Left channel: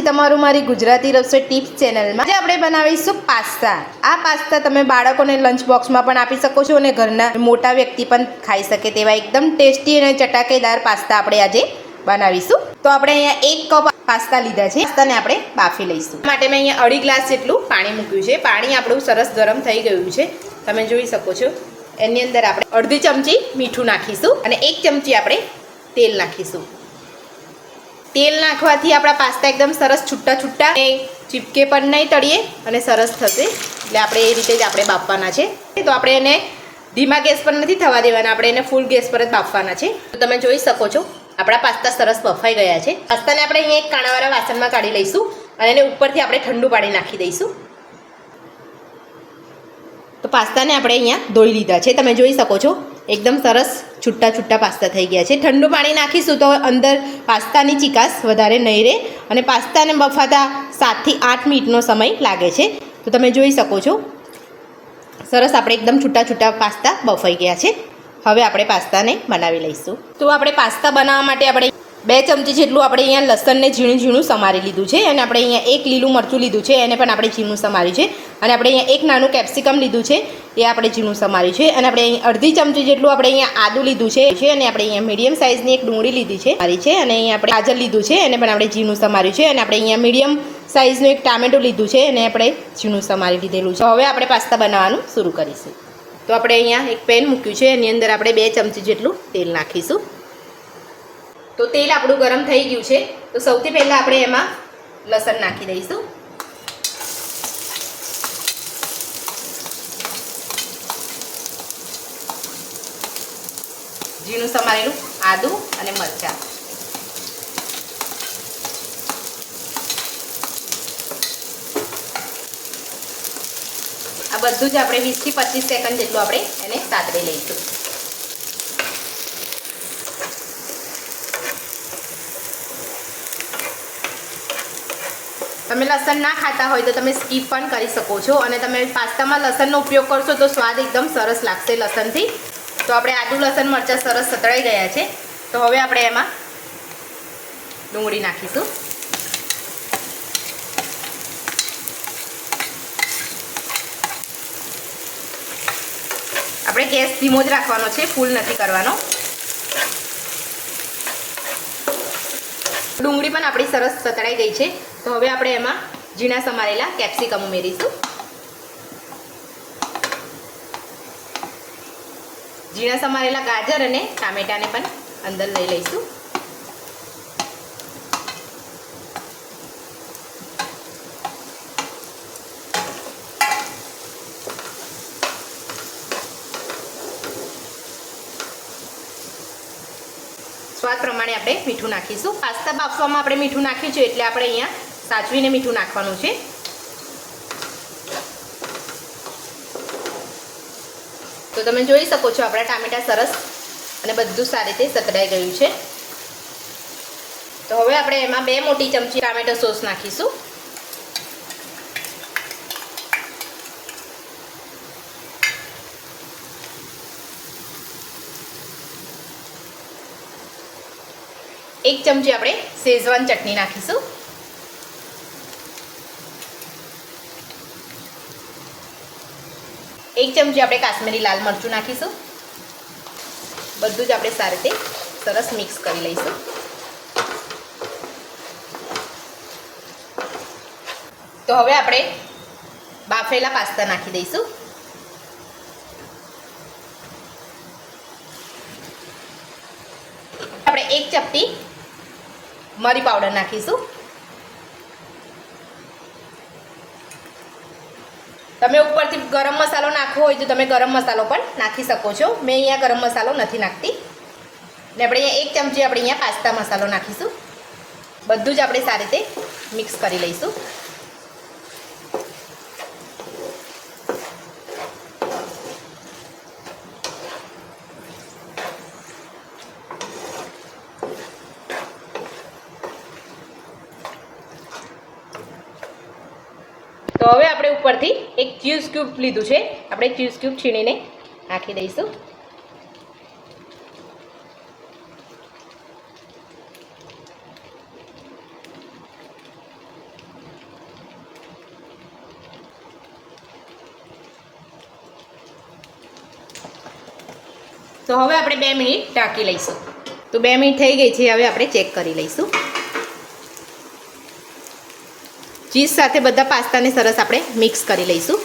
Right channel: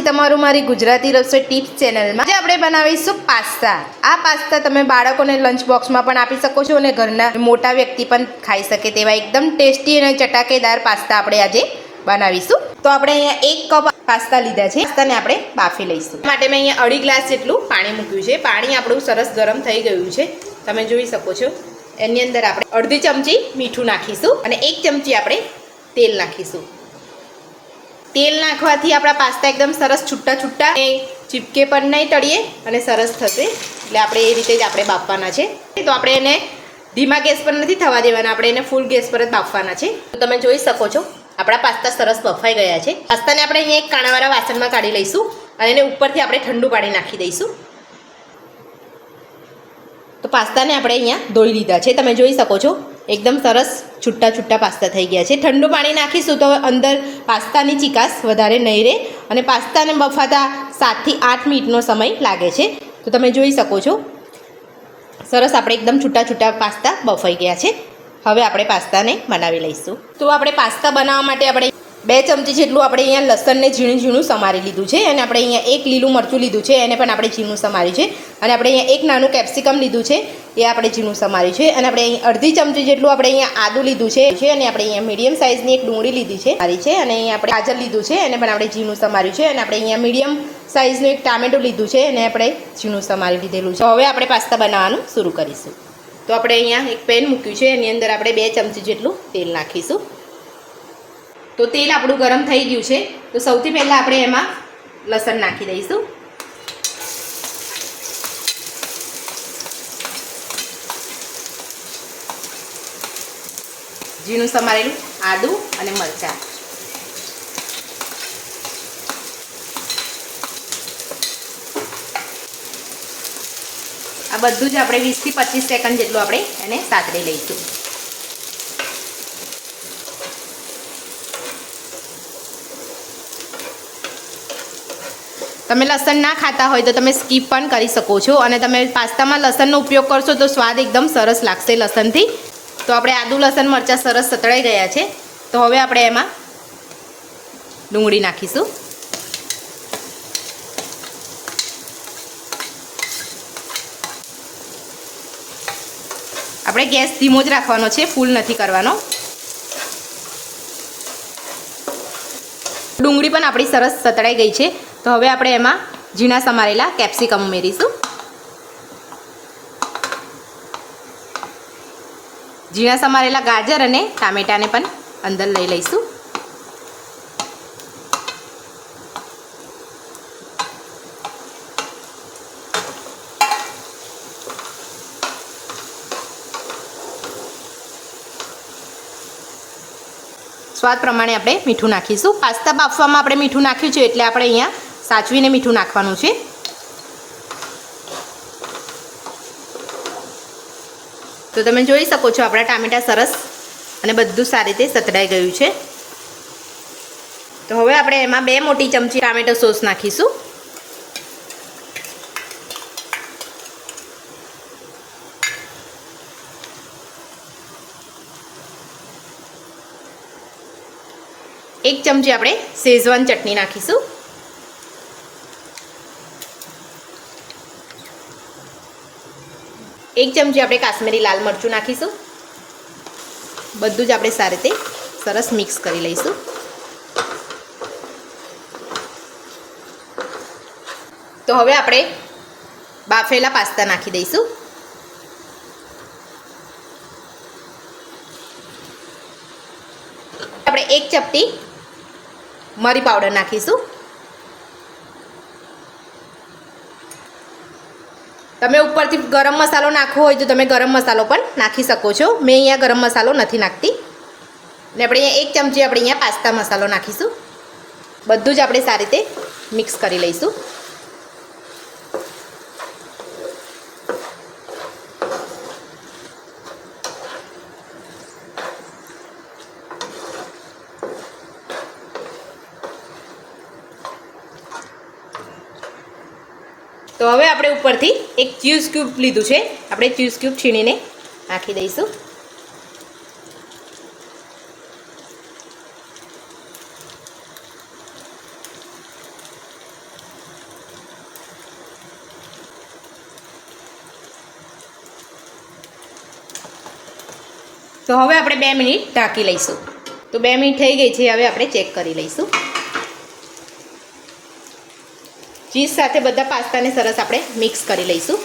છે તમારું મારી ગુજરાતી રસોઈ ટિપ્સ ચેનલમાં. આજે આપણે બનાવીશું પાસ્તા. આ પાસ્તા તમે બાળકોને લંચ બોક્સમાં પણ આપી શકો છો અને ઘરના મોટા વ્યક્તિ પણ ખાઈ શકે તેવા એકદમ ટેસ્ટી અને ચટાકેદાર પાસ્તા આપણે આજે બનાવીશું. તો આપણે અહીંયા 1 કપ પાસ્તા લીધા છે. પાસ્તાને આપણે બાફી લઈશું. માટે મેં અહીંયા 2.5 ગ્લાસ જેટલું પાણી મૂક્યું છે. પાણી આપણું સરસ ગરમ થઈ ગયું છે, તમે જોઈ શકો છો. એની અંદર આપણે અડધી ચમચી મીઠું નાખીશું અને 1 ચમચી આપણે તેલ નાખીશું. તેલ નાખવાથી આપણા પાસ્તા એકદમ સરસ છૂટા છૂટા ચીપકે પણ નહીં તળીએ અને સરસ થશે. એટલે આપણે એ રીતે જ આપણે બાફવાના છે. તો આપણે એને ધીમા ગેસ પર નથી થવા દેવાના, આપણે એને ફૂલ ગેસ પર જ બાફવાના છે. તો તમે જોઈ શકો છો આપણા પાસ્તા સરસ બફાઈ ગયા છે. પાસ્તાને આપણે અહીંયા એક કાણાવાળા વાસણમાં કાઢી લઈશું અને એને ઉપરથી આપણે ઠંડુ પાણી નાખી દઈશું. તો પાસ્તાને આપણે અહીંયા ધોઈ લીધા છે, તમે જોઈ શકો છો એકદમ સરસ છૂટા છૂટા પાસ્તા થઈ ગયા છે. ઠંડુ પાણી નાખીશું તો અંદર પાસ્તાની ચીકાશ વધારે નહીં રહે અને પાસ્તાને બફાતા 7 થી 8 મિનિટનો સમય લાગે છે. તો તમે જોઈ શકો છો સરસ આપણે એકદમ છૂટા છૂટા પાસ્તા બફાઈ ગયા છે. હવે આપણે પાસ્તાને બનાવી લઈશું. તો આપણે પાસ્તા બનાવવા માટે આપણે 2 ચમચી જેટલું આપણે અહીંયા લસણને ઝીણું ઝીણું સમારી લીધું છે અને આપણે અહીંયા 1 લીલું મરચું લીધું છે, એને પણ આપણે ઝીણું સમાર્યું છે. અને આપણે અહીંયા 1 નાનું કેપ્સિકમ લીધું છે, એ આપણે ઝીણું સમાર્યું છે. અને આપણે અહીં અડધી ચમચી જેટલું આપણે અહીંયા આદું લીધું છે અને આપણે અહીંયા મીડિયમ સાઇઝની એક ડુંગળી લીધી છે અને અહીંયા આપણે ગાજર લીધું છે, એને પણ આપણે ઝીણું સમાર્યું છે. અને આપણે અહીંયા મીડિયમ સાઇઝનું એક ટામેટું લીધું છે, એને આપણે ઝીણું સમારી લીધેલું છે. હવે આપણે પાસ્તા બનાવવાનું શરૂ કરીશું. તો આપણે અહીંયા એક પેન મૂક્યું છે, એની અંદર આપણે 2 ચમચી જેટલું તેલ નાખીશું. તો તેલ આપણું ગરમ થઈ ગયું છે. તો સૌથી પહેલાં આપણે એમાં લસણ નાખી દઈશું. ઝીણું સમારેલું આદું અને મરચાં. આ બધું જ આપણે 20 થી 25 સેકન્ડ જેટલું આપણે એને સાતળી લઈશું. તમે લસણ ના ખાતા હોય તો તમે સ્કીપ પણ કરી શકો છો અને તમે પાસ્તામાં લસણનો ઉપયોગ કરશો તો સ્વાદ એકદમ સરસ લાગશે લસણથી. તો આપણે આદુ લસણ મરચાં સરસ સતળાઈ ગયા છે. તો હવે આપણે એમાં ડુંગળી નાખીશું. આપણે ગેસ ધીમો જ રાખવાનો છે, ફૂલ નથી કરવાનો. ડુંગળી પણ આપણી સરસ સતળાઈ ગઈ છે. તો હવે આપણે એમાં ઝીણા સમારેલા કેપ્સિકમ ઉમેરીશું. ઝીણા સમારેલા ગાજર અને ટામેટાને પણ અંદર લઈ લઈશું. સ્વાદ પ્રમાણે આપણે મીઠું નાખીશું. પાસ્તા બાફવામાં આપણે મીઠું નાખ્યું છે એટલે આપણે અહીંયા સાચવીને મીઠું નાખવાનું છે. તો તમે જોઈ શકો છો આપણા ટામેટા સરસ અને બધું સારી રીતે સતડાઈ ગયું છે. તો હવે આપણે એમાં 2 મોટી ચમચી ટામેટો સોસ નાખીશું. એક ચમચી આપણે શેઝવાન ચટણી નાખીશું. એક ચમચી આપણે કાશ્મીરી લાલ મરચું નાખીશું. બધું જ આપણે સારી રીતે સરસ મિક્સ કરી લઈશું. તો હવે આપણે બાફેલા પાસ્તા નાખી દઈશું. આપણે 1 ચપટી મરી પાવડર નાખીશું. તમે ઉપરથી ગરમ મસાલો નાખવો હોય તો તમે ગરમ મસાલો પણ નાખી શકો છો. મેં અહીંયા ગરમ મસાલો નથી નાખતી. અને આપણે અહીંયા 1 ચમચી આપણે અહીંયા પાસ્તા મસાલો નાખીશું. બધું જ આપણે સારી રીતે મિક્સ કરી લઈશું. તો હવે આપણે ઉપરથી એક ચીઝ ક્યુબ લીધું છે, આપણે ચીઝ ક્યુબ છીણીને નાખી દઈશું. તો હવે આપણે 2 મિનિટ ઢાંકી લઈશું. તો 2 મિનિટ થઈ ગઈ છે. હવે આપણે ચેક કરી લઈશું. ચીઝ સાથે બધા પાસ્તાને સરસ આપણે મિક્સ કરી લઈશું.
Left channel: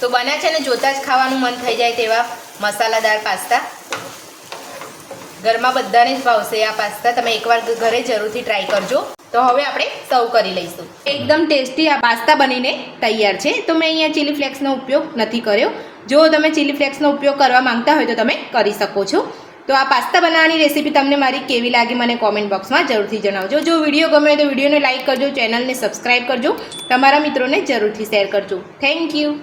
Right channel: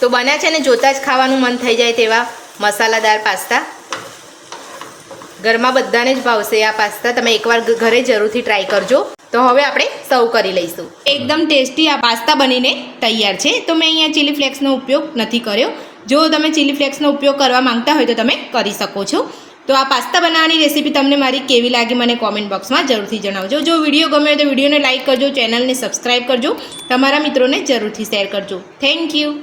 તો બન્યા છે ને જોતાં જ ખાવાનું મન થઈ જાય તેવા મસાલાદાર પાસ્તા. ઘરમાં બધાને જ ભાવશે આ પાસ્તા. તમે એકવાર ઘરે જરૂરથી ટ્રાય કરજો. તો હવે આપણે સર્વ કરી લઈશું. એકદમ ટેસ્ટી આ પાસ્તા બનીને તૈયાર છે. તો મેં અહીંયા ચીલી ફ્લેક્સનો ઉપયોગ નથી કર્યો. જો તમે ચીલી ફ્લેક્સનો ઉપયોગ કરવા માંગતા હોય તો તમે કરી શકો છો. તો આ પાસ્તા બનાવવાની રેસીપી તમને મારી કેવી લાગી મને કોમેન્ટ બોક્સમાં જરૂરથી જણાવજો. જો વિડીયો ગમે હોય તો વિડીયોને લાઇક કરજો, ચેનલને સબસ્ક્રાઈબ કરજો, તમારા મિત્રોને જરૂરથી શેર કરજો. Thank you.